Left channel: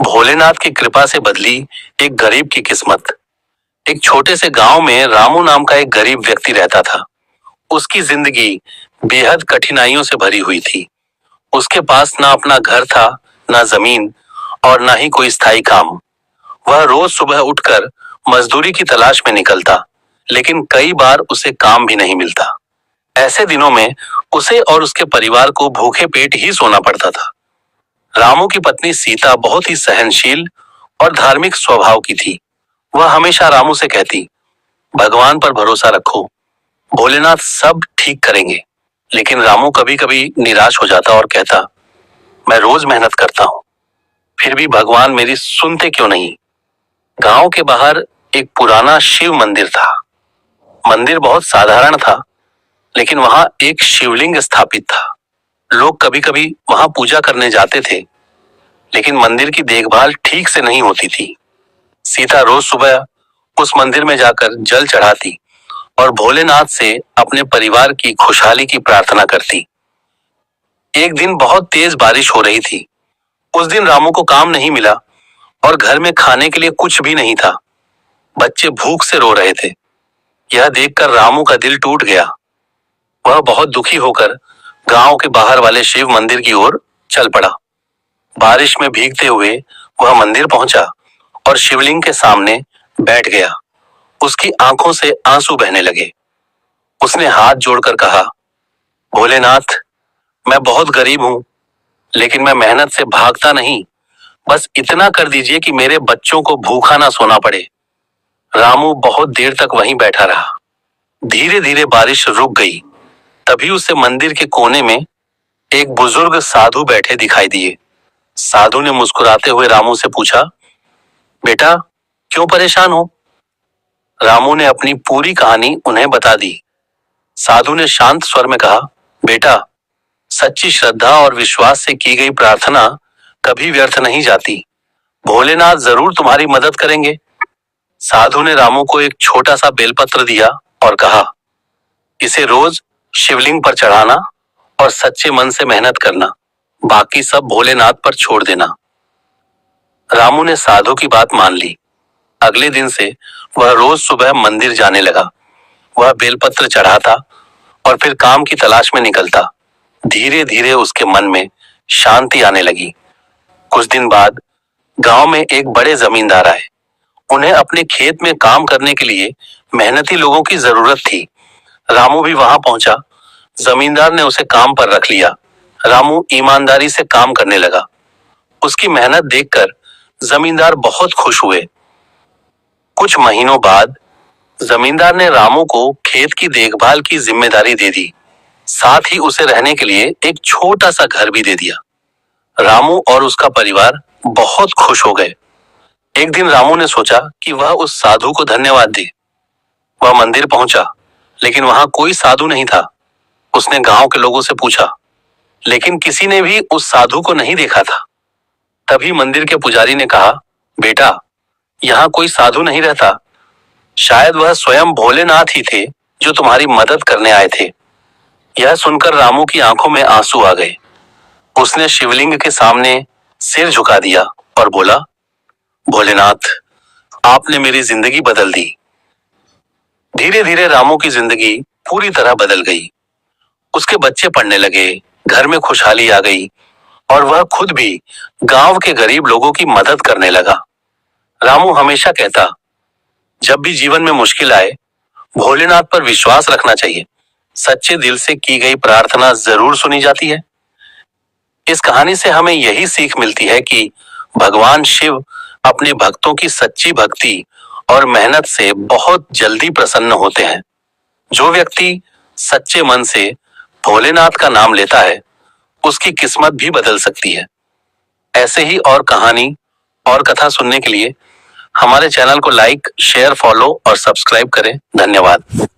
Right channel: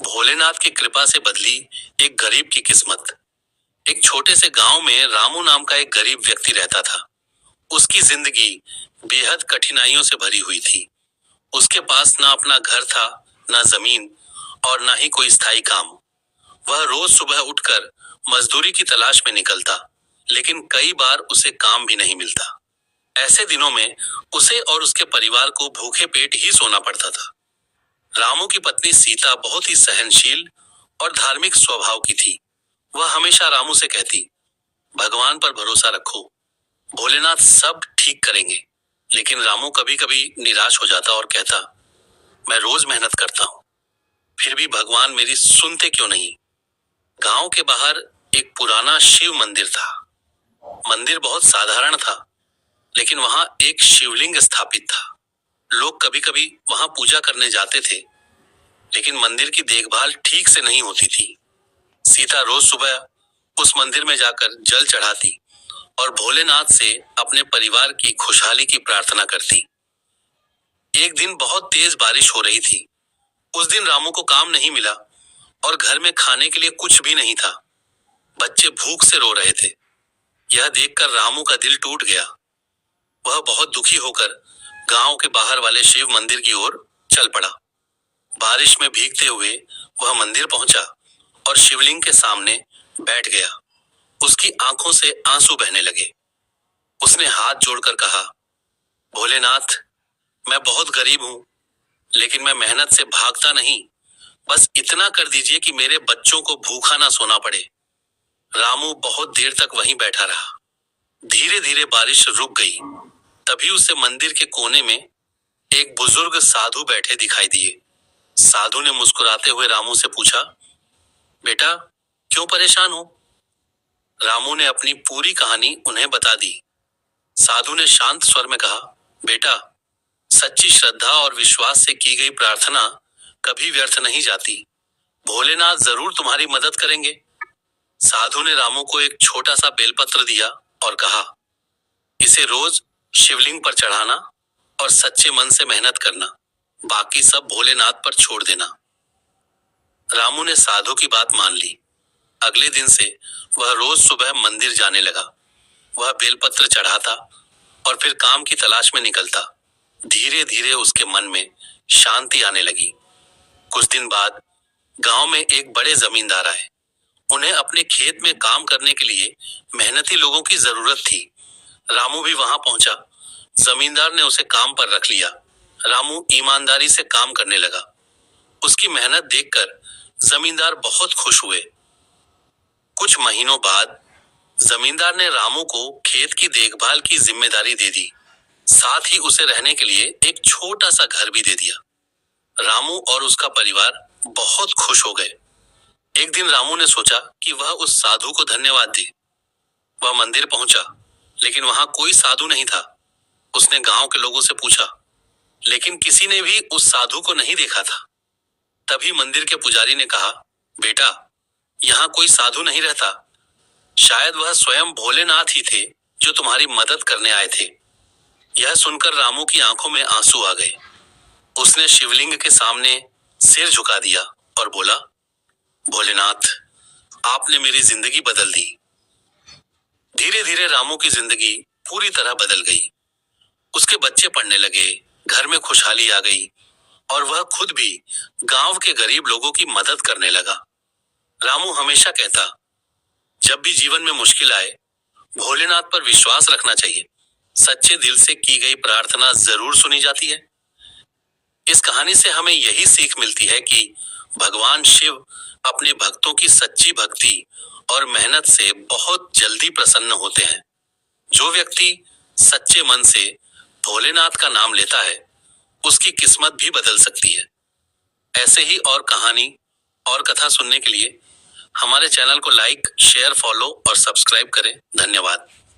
भोलेनाथ की कृपा से बदली एक गरीब की किस्मत। एक छोटे से गांव में रामू नाम का एक गरीब व्यक्ति रहता था। उसकी जिंदगी बेहद कठिनाइयों से भरी हुई थी। उसके पास ना अपना घर था, ना जमीन और ना ही कोई स्थायी काम। वह रोज सुबह उठकर मजदूरी की तलाश में निकलता, लेकिन कई बार उसे काम भी नहीं मिलता। ऐसे दिनों में उसे और उसके परिवार को भूखे पेट ही सोना पड़ता था। रामू की पत्नी सीता बहुत ही सहनशील और धार्मिक स्वभाव की थी। वह हमेशा रामू से कहती, भगवान पर भरोसा रखो, भोलेनाथ सब ठीक करेंगे। लेकिन रामू कभी कभी निराश हो जाता और कहता, मैं रोज मेहनत करता हूँ, फिर भी भगवान मेरी सुनते क्यों नहीं। गांव के बाहर एक पुराना शिव मंदिर था। मंदिर बहुत साधारण था, लेकिन वहां एक शिवलिंग स्थापित था। लोग कभी कभी वहां पूजा करने जाते थे, लेकिन मंदिर की देखभाल ठीक से नहीं होती थी। सीता रोज सुबह उस मंदिर में जाकर जल चढ़ाती और भोलेनाथ से अपने परिवार की खुशहाली की प्रार्थना करती। एक दिन बहुत तेज बारिश हो रही थी। उस दिन रामू को काम नहीं मिला और घर में खाने के लिए कुछ भी नहीं था। बच्चे भूख से रो रहे थे। यह देखकर रामू का दिल टूट गया। वह बहुत दुखी होकर गांव के बाहर वाले शिव मंदिर की ओर चल पड़ा। बारिश में भीगते हुए वह मंदिर पहुंचा और शिवलिंग के सामने बैठ गया। उसकी आंखों से आंसू बहने लगे। उसने हाथ जोड़कर कहा, भोलेनाथ, मैं बहुत गरीब हूं, लेकिन मैं मेहनत से भागता नहीं। बस इतना कर दीजिए कि मेरे बच्चों को भूखा ना सोना पड़े। रामू बहुत देर तक वहीं बैठा रहा। धीरे धीरे बारिश रुक गई। तभी उसे मंदिर के कोने में एक बुजुर्ग साधु बैठे दिखाई दिए। साधु ने मुस्कुराते हुए रामू से पूछा, बेटा, क्यों परेशान हो। रामू ने अपनी पूरी कहानी उन्हें बता दी। साधु ने शांत स्वर में कहा, बेटा, सच्ची श्रद्धा और विश्वास से की गई प्रार्थना कभी व्यर्थ नहीं जाती। भोलेनाथ जरूर तुम्हारी मदद करेंगे। साधु ने रामू को एक छोटा सा बेलपत्र दिया और कहा, इसे रोज शिवलिंग पर चढ़ाना और सच्चे मन से मेहनत करना। बाकी सब भोलेनाथ पर छोड़ देना। रामू ने साधु की बात मान ली। अगले दिन से वह रोज सुबह मंदिर जाने लगा। वह बेलपत्र चढ़ाता और फिर काम की तलाश में निकलता। धीरे धीरे उसके मन में शांति आने लगी। कुछ दिन बाद गांव में एक बड़े जमींदार आए। उन्हें अपने खेत में काम करने के लिए मेहनती लोगों की जरूरत थी। रामू भी वहां पहुंचा। जमींदार ने उसे काम पर रख लिया। रामू ईमानदारी से काम करने लगा। उसकी मेहनत देखकर जमींदार बहुत खुश हुए। कुछ महीनों बाद जमींदार ने रामू को खेत की देखभाल की जिम्मेदारी दे दी। साथ ही उसे रहने के लिए एक छोटा सा घर भी दे दिया। रामू और उसका परिवार बहुत खुश हो गए। एक दिन रामू ने सोचा कि वह उस साधु को धन्यवाद दे। वह मंदिर पहुंचा, लेकिन वहां कोई साधु नहीं था। उसने गांव के लोगों से पूछा, लेकिन किसी ने भी उस साधु को नहीं देखा था। तभी मंदिर के पुजारी ने कहा, बेटा, यहाँ कोई साधु नहीं रहता। शायद वह स्वयं भोलेनाथ ही थे जो तुम्हारी मदद करने आए थे। यह सुनकर रामू की आंखों में आंसू आ गए। उसने शिवलिंग के सामने सिर झुका दिया और बोला, भोलेनाथ, आपने मेरी जिंदगी बदल दी। धीरे धीरे रामू की जिंदगी पूरी तरह बदल गई। उसके बच्चे पढ़ने लगे, घर में खुशहाली आ गई और वह खुद भी गांव के गरीब लोगों की मदद करने लगा। रामू हमेशा कहता, जब भी जीवन में मुश्किल आए, भोलेनाथ पर विश्वास रखना चाहिए। सच्चे दिल से की गई प्रार्थना जरूर सुनी जाती है। इस कहानी से हमें यही सीख मिलती है कि भगवान शिव अपने भक्तों की सच्ची भक्ति और मेहनत से बहुत जल्दी प्रसन्न होते हैं। जो व्यक्ति सच्चे मन से भोलेनाथ का नाम लेता है, उसकी किस्मत भी बदल सकती है। ऐसे ही और कहानी और कथा सुनने के लिए हमारे चैनल को लाइक, शेयर, फॉलो और सब्सक्राइब करें। धन्यवाद।